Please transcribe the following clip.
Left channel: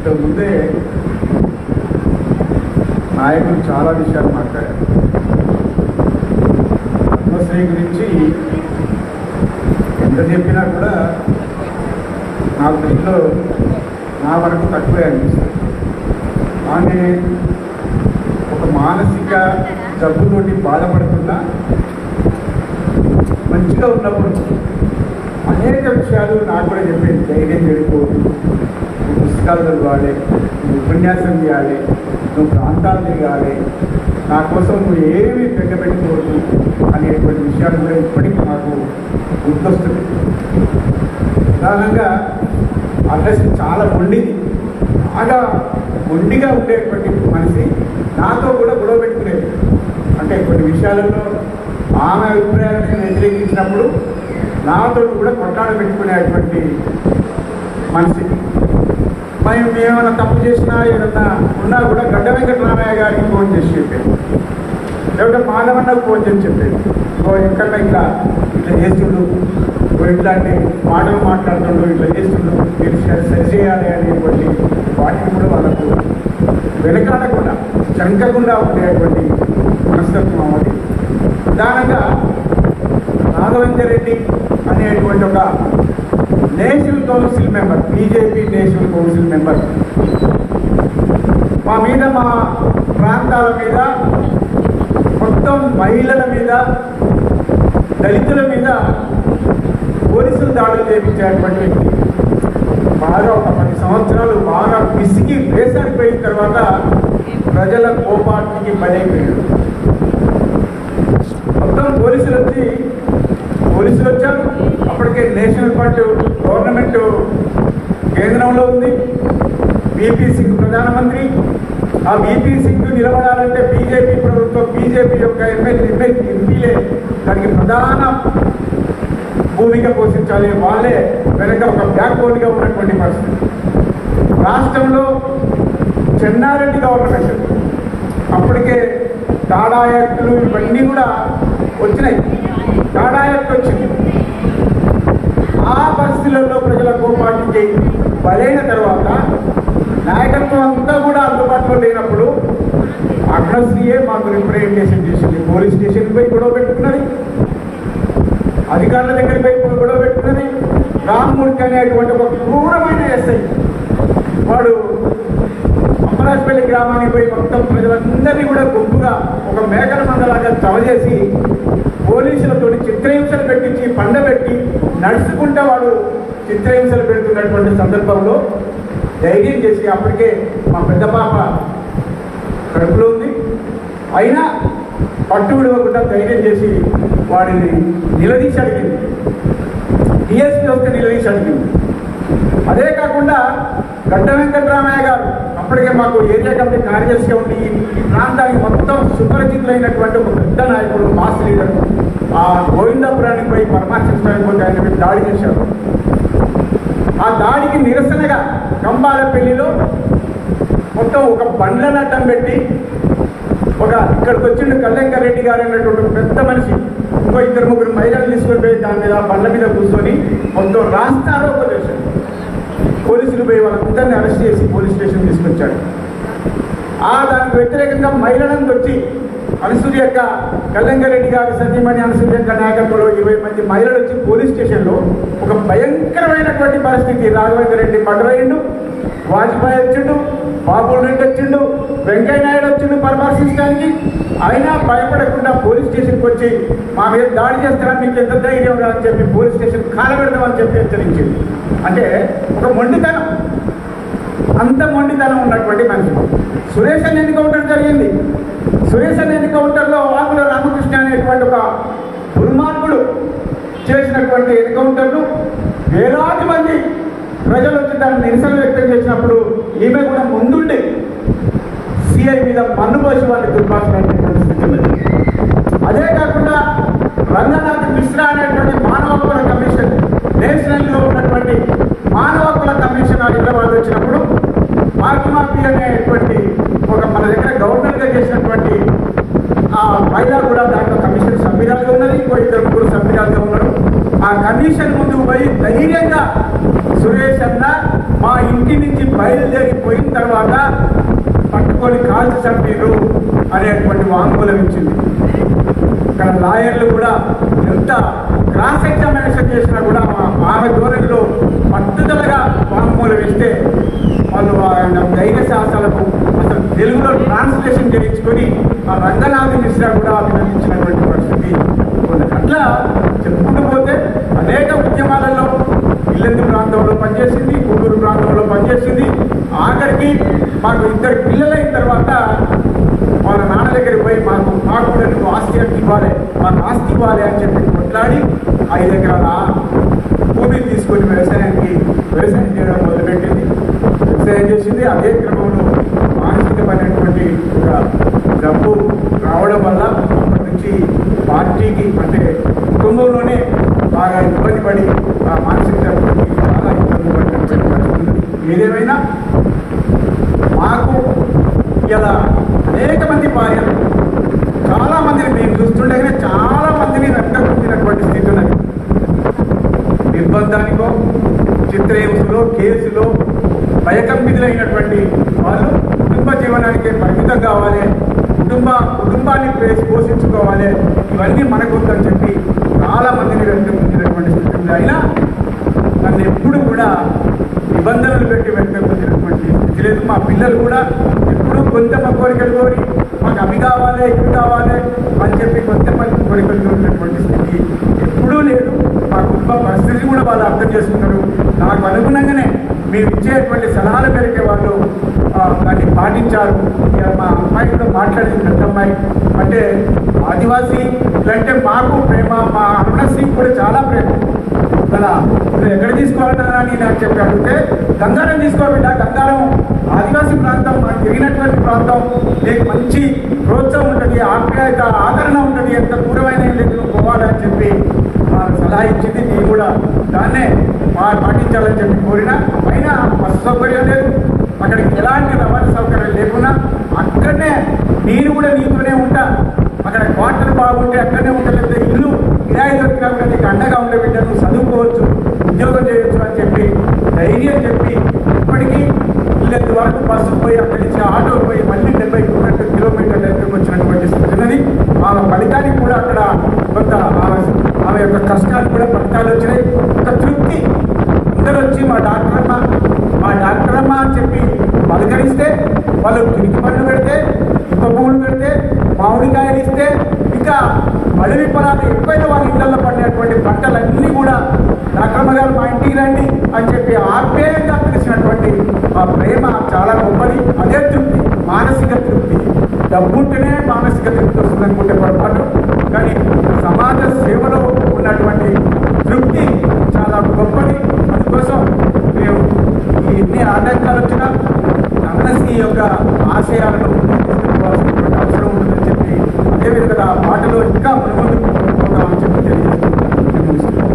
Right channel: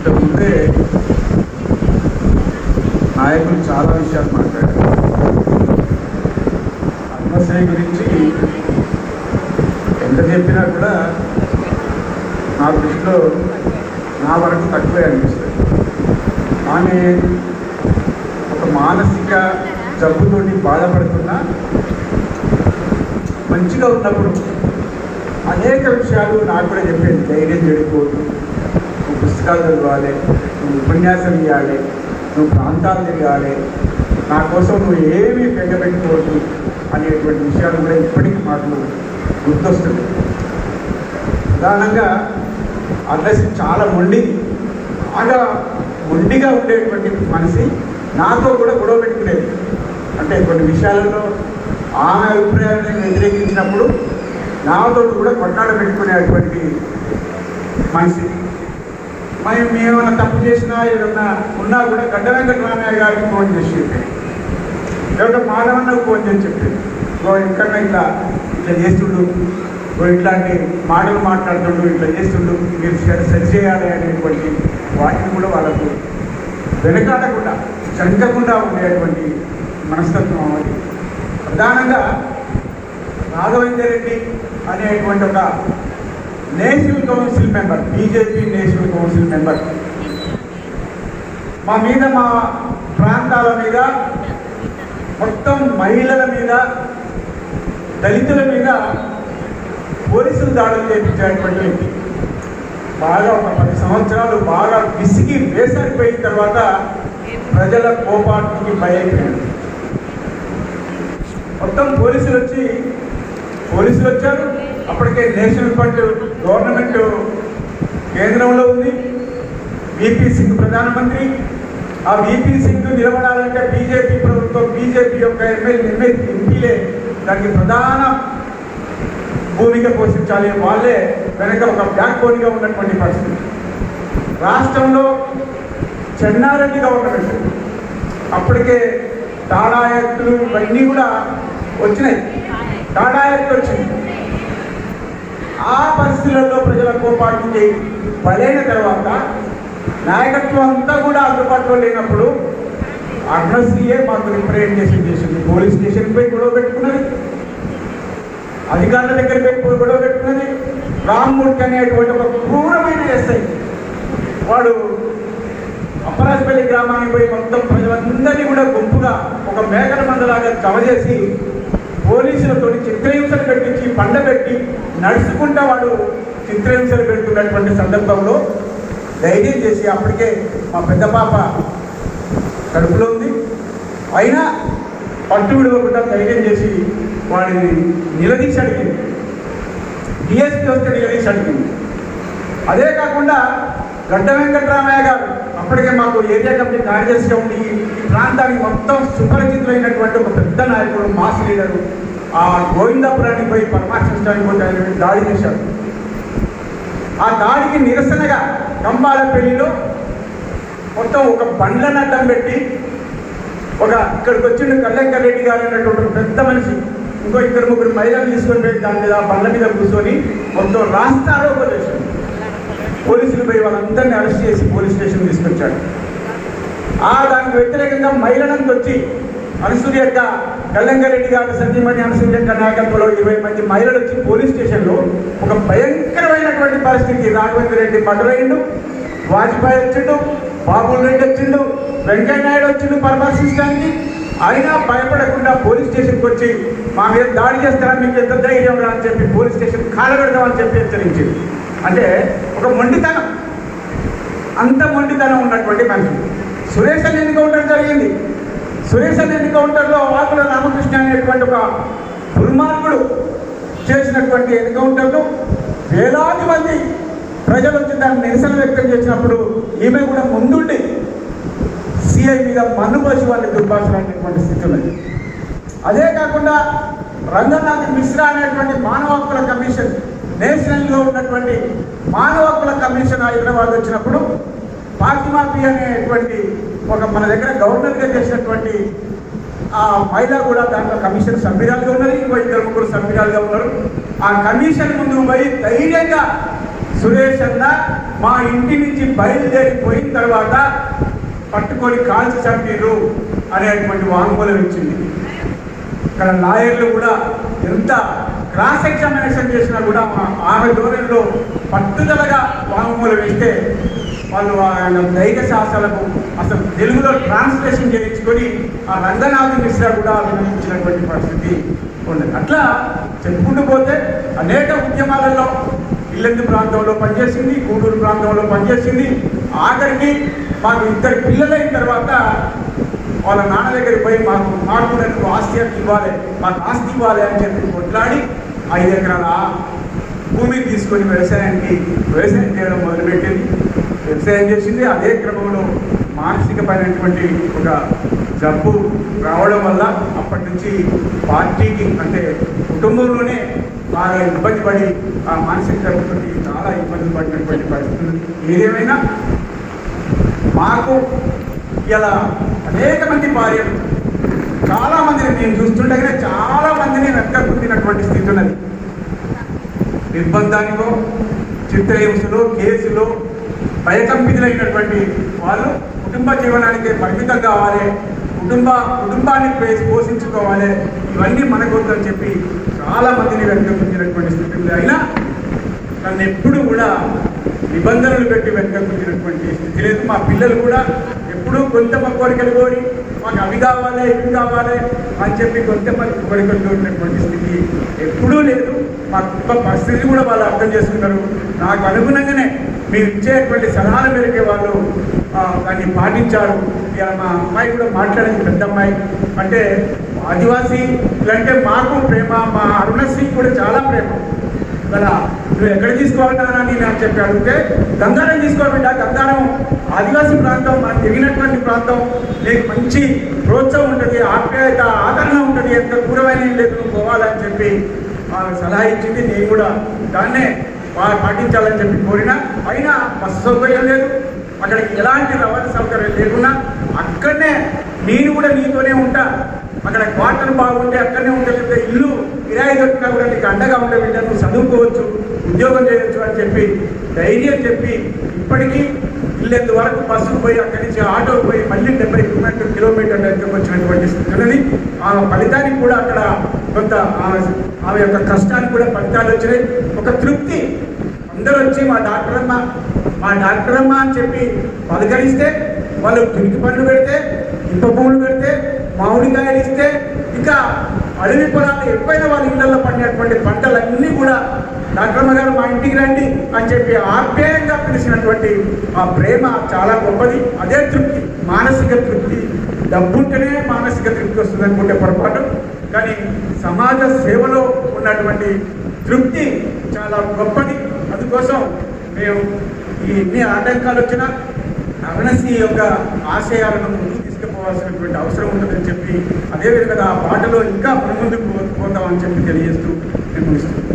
ఇంతకుముందే నాయకులు చాలా విషయాలు మాట్లాడారు. పద్మశ్రీ గురించి ఎంత చెప్పినా కూడా నా దృష్టిలో నా వరకు తక్కువే అనిపిస్తుంది. ఆమె ఒక మానసిక జబ్బుతోటి బాధపడుతున్నా మంచిగా ఉన్నప్పుడు అనేక విషయాలు నాకు కూడా చెప్పేది. ధైర్యం చెడిపోవద్దు, నువ్వు పుస్తకాలు చదవాలి, నువ్వు ఉపన్యాసం ఇవ్వాలి, నువ్వు ప్రాంతాలు తిరగాలి, నా కోసం నువ్వు ఏమీ పెట్టుకోవద్దు అనేటువంటి విషయాలు కూడా ఇప్పటికీ మాకు గుర్తొస్తుంది. ప్రధానంగా అడ్రస్ చాలా మొండిది, బాగా మొండిగా ఉండేటువంటి మనిషి. నాతో కూడా గొడవ పెట్టుకునేది. అంటే కొన్ని విషయాలలో ఆమె అభిప్రాయాలను వ్యతిరేకించినప్పుడు నాతో కూడా కొట్లాడ పెట్టుకునేటువంటి మనిషి. మేమేమైనా తప్పు చేసినా ఏదైనా ఉన్నా కూడా గడ్డ వెంకటరామయ్య గారికి ఫోన్ చేసి చెప్పేది, లేకపోతే మాధవన్నకు ఫోన్ చేసి చెప్పేది, ఇంకా ఇట్లా చేస్తుండు, ఇట్లాంటి మాటలు మాట్లాడుతుండు, ఇట్లా చేస్తుండు, మీరు సరి చేయాలి అనేటువంటి వాటిని కూడా వాళ్ళకు వెనకాడకుండా జంకకుండా ఉండేటువంటి మనస్తత్వం అన్నది. ప్రధానంగా రాఘవేంద్రరెడ్డి అనేటువంటి ఒక national council member, BJP national council member మా మీద, మా ప్రాంతాల మీద, మొత్తం మహిళల మీద, దళితుల మీద పోలీసులు దాడులు చేయించేటువంటి బాగా ఒక 10 సంవత్సరాలు బాగా విసిగి వేసరిపోయిన తర్వాత ప్రజల కోపానికి బలైపోయాడు. మొత్తం పోలీసులు వచ్చారు. అప్పటికే నేషనల్ ఫండ్ గవర్నమెంట్ కేంద్రంలో ఉంది. విపి సింగ్ ప్రధానమంత్రి. ఆ విపి సింగ్ నిలబడాలంటే బీజేపీ ప్రభుత్వం, బీజేపీ యొక్క ఎంపీలే దానికి ప్రధాన భూమిక పోషించాలి. వాళ్ళే వెనక ఒక బ్యాక్ బోన్గా ఉన్నటువంటి పరిస్థితి. రాష్ట్రంలో చెన్నారెడ్డి గవర్నమెంట్ అప్పటికే టాడా యాక్టులు ఇవన్నీ కూడా వచ్చినాయి. టాడా యాక్ట్ వచ్చింది. ఆ పరిస్థితులలో ప్రజల కోపానికి బలైన తర్వాత నాయకత్వం అంతా కూడా అందుబాటులో లేనప్పుడు అగ్రశ్రీయే మాకు రిప్రజెంటేషన్ చేసింది. పోలీస్ స్టేషన్ పోయి గొడవ పెట్టుకున్నది, అధికారుల దగ్గర పోయి గొడవ పెట్టుకుని రామ్మూర్తి అనేటువంటి ఒక క్రూరమైన ఎస్ఐ వాడు అమరాజ్పల్లి గ్రామానికి పోయి మొత్తం ప్రజలందరినీ కూడా గుంపుగా ఒక మేకల మందలాగా చవచేసి పోలీసులతో చిత్రహింసలు పెట్టించి పండబెట్టి నడుచుకుంటే వాడు చిత్రహింసలు పెడుతున్నటువంటి సందర్భంలో ధైర్యం చేసి, అప్పటికే మా పెద్ద పాప కడుపులో ఉంది, అయినా పట్టు విడవకుండా ధైర్యం చేసి వాడిని నిలదీసి అడిగింది. డిఎస్పీ వస్తే నిలదీసి అడిగింది. అదే కాకుండా గడ్డ వెంకటరామయ్య గారు అప్పటికే మాకు ఏరియా కమిటీ కార్యదర్శిగా ఉండి ఈ ప్రాంతానికి మొత్తం సుపరిచితులైనటువంటి ఒక పెద్ద నాయకుడు, మాస్ లీడర్, ఆ గోవిందాపురానికి పోయి పరమాశిష్టానికి పోయి ఆయన దాడి చేశారు. ఆ దాడికి నిరసనగా కంబాలపల్లిలో మొత్తం ఒక బండ్లను అడ్డం పెట్టి ఇక్కడికి వచ్చిండు కళ్యాణ్ రెడ్డి గారు అన్నటువంటి పెద్ద మనిషి, ఇంకో 2-3 మహిళలు తీసుకొని పోయి దాని మీద బండ్ల మీద కూర్చొని మొత్తం రాస్తారోపణ చేశారు. పోలీసులు పోయి వాళ్ళందరినీ అరెస్ట్ చేసి పోలీస్ స్టేషన్ తీసుకొచ్చాడు. దానికి వ్యతిరేకంగా మహిళలను వచ్చి అనసూయక్క, కళ్యాణ్ రెడ్డి గారు సతీమణి అనసూయక్క నాయకత్వంలో 20 మంది మహిళలు వచ్చి పోలీస్ స్టేషన్లో ఒక భయంకరమైనటువంటి పరిస్థితి. రాఘవేంద్ర రెడ్డి మర్డర్ అయ్యిండు, వాజ్పేయి వచ్చిండు, బాబు రెడ్డి వచ్చిండు, వెంకయ్య నాయుడు వచ్చిండు పరామర్శించడానికి. అయినా భయపడకుండా పోలీస్ స్టేషన్కి వచ్చి మా మీద దాడి చేస్తారని మీకు ఎంత ధైర్యం రా అని చెప్పి పోలీస్ స్టేషన్ కాలబెడదామని చెప్పి హెచ్చరించింది. అంటే ఒక మొండితనం, అంత మొండితనం ఉన్నటువంటి మనుషులు. సురేష్ అని ఎన్నికౌంటర్ జరిగింది. సురేష్ అని ఎన్నికౌంటర్లో ఆకుల రామకృష్ణ అనేటువంటి ఒక దుర్మార్గుడు చేసినటువంటి ఎన్నికౌంటర్లో వేలాది మంది ప్రజలు వచ్చి దాన్ని నిరసన వ్యక్తం చేసినప్పుడు ఈమె కూడా ముందుండి సిఐ మీద మన్నుబోసి వారిని దుర్భాషమైనటువంటి స్థితి ఉన్నది. అదే కాకుండా రంగనాథ్ మిశ్రా అనేటువంటి మానవ హక్కుల కమిషన్, నేషనల్లో ఉన్నటువంటి మానవ హక్కుల కమిషన్ హైదరాబాద్ వచ్చినప్పుడు ఆత్మాపి అనేటువంటి ఒక మన దగ్గర గవర్నర్గా చేసినటువంటి ఆ మహిళ కూడా దాంట్లో కమిషన్ సభ్యురాలుగా ఉన్నది, ఇంకో 2-3 సభ్యురాలుగా ఉన్నారు. ఆ కమిషన్ ముందు పోయి ధైర్యంగా సురేష్ అన్న మా ఇంటి నుంచి బయలుదేరిపోయిన తర్వాత పట్టుకొని కాల్చి చంపారు అనేటువంటి వాంగ్మూలం ఇచ్చింది. ఇక్కడ లాయర్లు కూడా ఎంత క్రాస్ ఎగ్జామినేషన్ చేసినా కూడా ఆమె ధోరణిలో పట్టుదలగా వాంగ్మూలం ఇస్తే వాళ్ళు ఆయన ధైర్య సాహసాలకు అసలు తెలుగులో ట్రాన్స్లేషన్ చేయించుకొని ఆ రంగనాథ్ మిశ్రా కూడా అభినందించినటువంటి పరిస్థితి ఉంది. అట్లా చెప్పుకుంటూ పోతే అనేక ఉద్యమాలలో ఇల్లెందు ప్రాంతంలో పనిచేసింది, గుంటూరు ప్రాంతంలో పనిచేసింది. ఆఖరికి మాకు 2 పిల్లలైన తర్వాత వాళ్ళ నాన్న దగ్గరికి పోయి మాకు ఆస్తి ఇవ్వాలి, మాకు ఆస్తి ఇవ్వాలి అని చెప్పి కొట్లాడి 5 ఎకరాల భూమిని తీసుకొని వ్యవసాయం చేయడం మొదలుపెట్టింది. వ్యవసాయం చేసింది. అదే క్రమంలో మానసికమైనటువంటి ఒక జబ్బు రావడం వల్ల అప్పటి నుంచి పార్టీకి అంటే కుటుంబంలోనే బాగా ఇబ్బంది పడి ఆ మానసిక జబ్బుకి చాలా ఇబ్బంది పడినటువంటి పరిస్థితి. ఏదేమైనా మాకు ఇలా అనేక మంది భార్యలు చాలా మందిని నేను చూస్తుండగానే చాలా మందిని వెనకకుండినటువంటి స్థితి ఉన్నది. నిర్బంధానికో చిత్రహింసలో కేసులో భయకంపితులైనటువంటి వాళ్ళు కుటుంబ జీవనానికి పరిమితం కావాలి, కుటుంబాన్ని పోషించుకోవాలి, ఇవన్నీ మనకొద్దని చెప్పి చాలా మందిని వెనకకుండినటువంటి స్థితి ఉంది. అయినా నన్ను ఎప్పుడు కూడా నిబంధనలు పెట్టి వెనకకుండినటువంటి స్థితి లేదు. మా పిల్లలు కూడా ఎప్పుడూ కొంత కోరికలు కోరి మాకు అవి కావాలి ఇవి కావాలి అని చెప్పి కొంత కోరికలు ఉన్నటువంటి స్థితి ఎప్పుడూ లేదు. మా కుటుంబ పరిస్థితి కూడా వాళ్ళు అర్థం చేసుకున్నారు. నాకు అనుగుణంగానే మీరు ఇచ్చేటువంటి సలహాల మేరకే వాళ్ళు దాన్ని పాటించారు. మా అమ్మాయి కూడా మాట్లాడింది, పెద్ద అమ్మాయి అంటే ఆదివాసీ అంటే మాకు ప్రేమ, మా అరుణశ్రీ కూడా చాలా ప్రేమ కదా. నువ్వు ఎక్కడ తీసుకోవాలని నేను చెప్పి అడిగితే గంగారం తీసుకోబెట్టా, గంగారం ఆదివాసీ ప్రాంతం, నాకు ఎగినటువంటి ప్రాంతం, నీకు మంచి ప్రోత్సాహం ఉంటుంది, ఆప్యాయత ఆదరణ ఉంటుంది, ఎంత దూరమైన లేదు పోవాలని చెప్పి మాకు సలహా ఇచ్చింది. నేను కూడా దాన్నే పాటించాలని చెప్పి కోరినా. అయినా బస్సు సౌకర్యం లేదు, అక్కడికి ఎలాంటి రవాణా సౌకర్యం లేకుండా అక్కడనే నేను కూడా నీతోనే ఉంటా, అక్కడ క్వార్టర్ బాగుంటే అక్కడనే ఉండలేదు, ఇల్లు కిరాయి దొరికినా కూడా నీకు అండగా ఉండే బిడ్డను చదువుకోవచ్చు, ఉద్యోగం చేయొచ్చు అని చెప్పి ధైర్యం చెప్పి ఇప్పటికీ ఇల్లెందు వరకు బస్సు పోయి అక్కడి నుంచి ఆటో పోయి మళ్ళీ 70 కిలోమీటర్ల దగ్గరకు వచ్చినటువంటి స్థితి ఉన్నది. ఆమె ఫలితానికి కూడా అక్కడ కొంత ఆమె యొక్క కష్టానికి కూడా ఫలితాలు వచ్చినాయి. ఒక తృప్తి అందరూ వచ్చి మా డాక్టర్ అమ్మ అని చెప్పి పలకరిస్తే, వాళ్ళు కిరికి పనులు పెడితే, ఇంకో పువ్వులు పెడితే, మామిడికాయలు ఇస్తే, ఇంకా అడవి పొలాలు ఎక్కువైనా వాళ్ళ ఇళ్లలో పండినటువంటి పంటలన్నీ కూడా డాక్టర్ గారు మా ఇంటికి రండి అని చెప్పి ఆప్యాయంగా పిలిచినటువంటి మా ప్రేమ చాలా గొప్పది. అదే తృప్తి, మానసిక తృప్తి. డబ్బుంటేనే మానసిక తృప్తి వస్తుందనుకుంటే పొరపాటు, కానీ సమాజ సేవలో ఉన్నటువంటి తృప్తి చాలా గొప్పది. అందుకోసం మేము ఎన్ని ఆటంకాలు వచ్చినా అరుణశ్రీ యొక్క ఆశయాలను తీసుకుపోవాల్సినటువంటి అవసరం ఉందని చెప్పి, అదేవిధంగా ఆ పాటలో ఇంకా ముందుకు పోతామని చెప్పి తెలియజేస్తూ నిర్మిస్తున్నాం.